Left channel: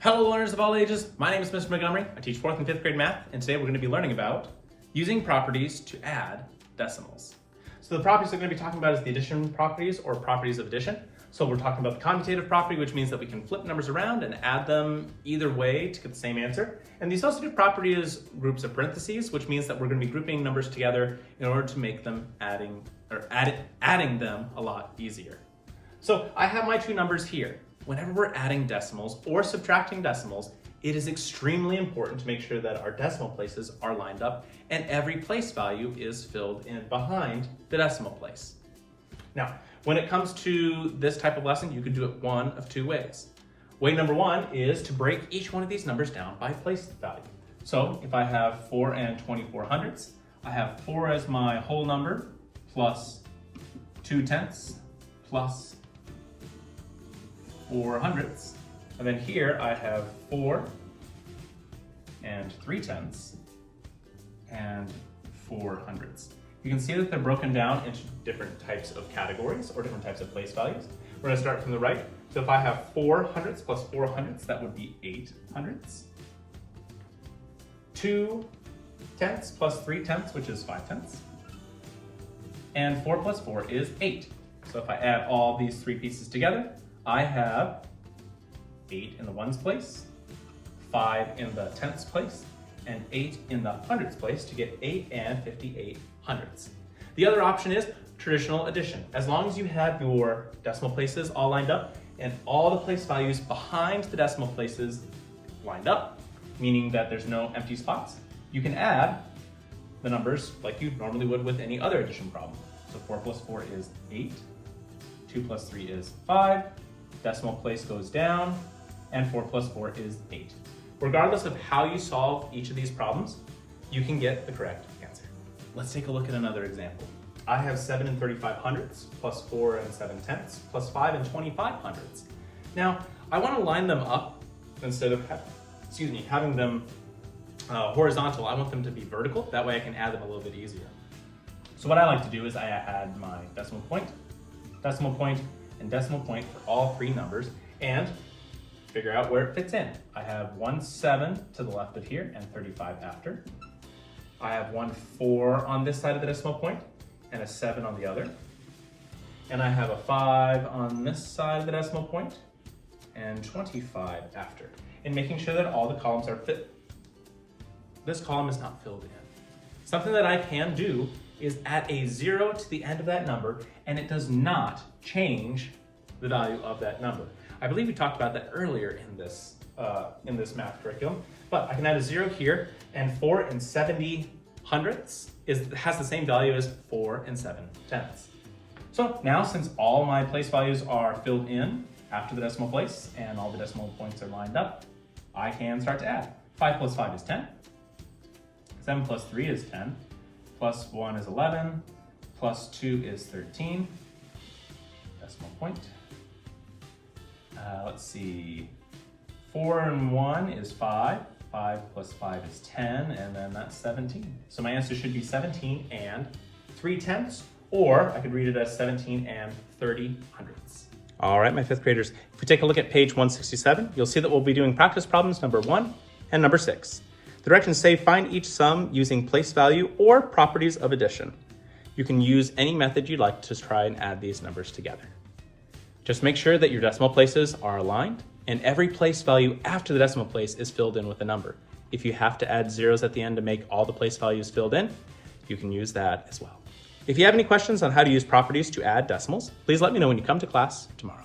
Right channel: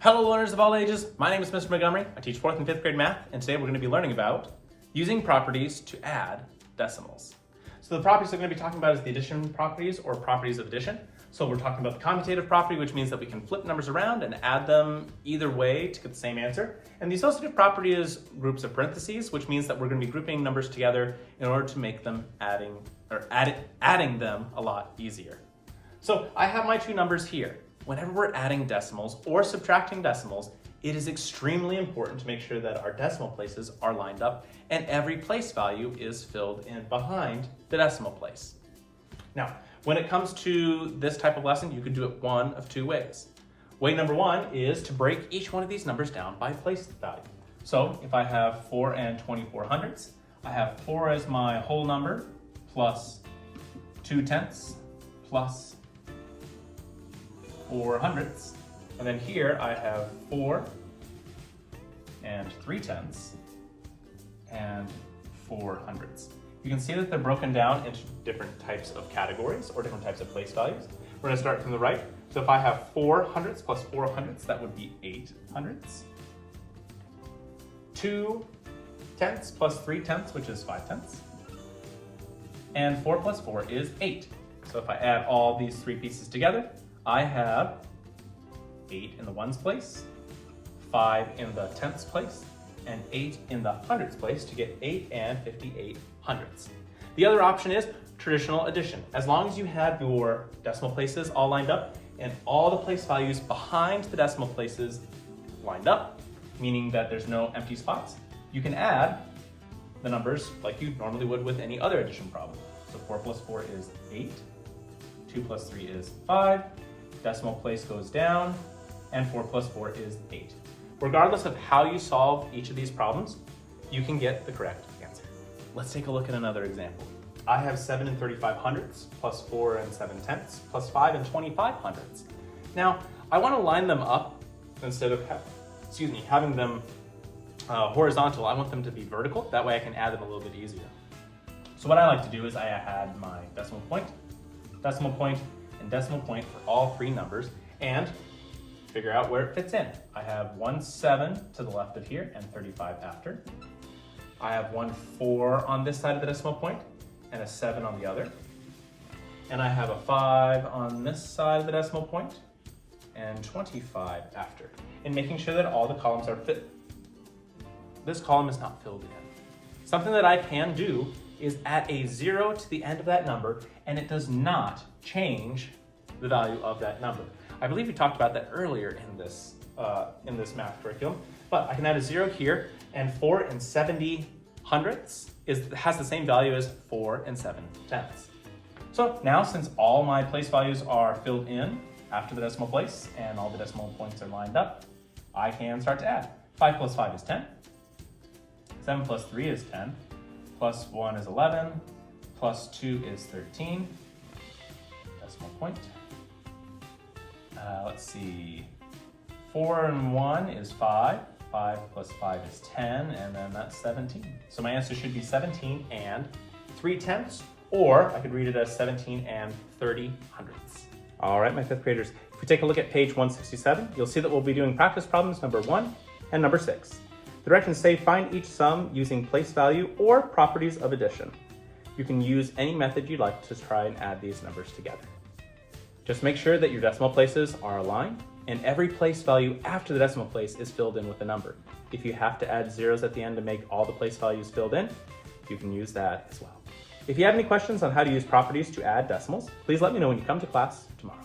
Hello learners of all ages, my name is Mr. Montgomery. I teach 4th and 5th grade math, and today we're going to be learning about using properties to add decimals. So the properties we're going to be talking about is the addition properties or properties of addition. So we're talking about the commutative property, which means that we can flip numbers around and add them either way to get the same answer. And the associative property is groups of parentheses, which means that we're going to be grouping numbers together in order to make them adding them a lot easier. So I have my two numbers here. Whenever we're adding decimals or subtracting decimals, it is extremely important to make sure that our decimal places are lined up and every place value is filled in behind the decimal place. Now, when it comes to this type of lesson, you can do it one of two ways. Way number one is to break each one of these numbers down by place value. So if I have 4 and 24 hundredths, I have 4 as my whole number plus 2 tenths plus 4 hundredths. And then here I have 4 and 3 tenths and 4 hundredths. You can see that they're broken down into different types of categories or different types of place values. We're gonna start from the right. So if I have 4 hundredths plus 4 hundredths, that would be 8 hundredths. 2 tenths plus 3 tenths, which is 5 tenths. And 4 plus 4 is 8. So if I add all these three pieces together, I have 8 in the ones place, 5 in the tenths place, and 8 in the hundredths place to get 8 and 58 hundredths. The other option is traditional addition. As long as you have your decimal places all lined up and all the place values behind the decimal places lined up, meaning that there's no empty spots, you can add the numbers like you normally would with any other addition problem. So 4 plus 4 is 8, 2 plus 3 is 5, decimal place goes down, and 4 plus 4 is 8. Regardless of how you solve each of these problems, you can get the correct answer. Let's take a look at another example. I have 7 and 35 hundredths plus 4 and 7 tenths plus 5 and 25 hundredths. Now, I want to line them up instead of having them horizontal. I want them to be vertical. That way I can add them a little bit easier. So what I like to do is I add my decimal point, and decimal point for all three numbers and figure out where it fits in. I have 1 7 to the left of here and 35 after. I have 1 4 on this side of the decimal point and a 7 on the other. And I have a 5 on this side of the decimal point and 25 after. And making sure that all the columns are fit. This column is not filled in. Something that I can do is add a 0 to the end of that number, and it does not change the value of that number. I believe we talked about that earlier in this math curriculum, but I can add a 0 here, and 4 and 70 hundredths has the same value as 4 and 7 tenths. So now, since all my place values are filled in after the decimal place and all the decimal points are lined up, I can start to add. 5 plus 5 is 10, 7 plus 3 is 10, plus 1 is 11, plus 2 is 13, decimal point. Let's see, 4 and 1 is 5, 5 plus 5 is 10, and then that's 17. So my answer should be 17 and 3 tenths, or I could read it as 17 and 30 hundredths. All right, my 5th graders, if we take a look at page 167, you'll see that we'll be doing practice problems number 1 and number 6. The directions say find each sum using place value or properties of addition. You can use any method you'd like to try and add these numbers together. Just make sure that your decimal places are aligned and every place value after the decimal place is filled in with a number. If you have to add zeros at the end to make all the place values filled in, you can use that as well. If you have any questions on how to use properties to add decimals, please let me know when you come to class tomorrow.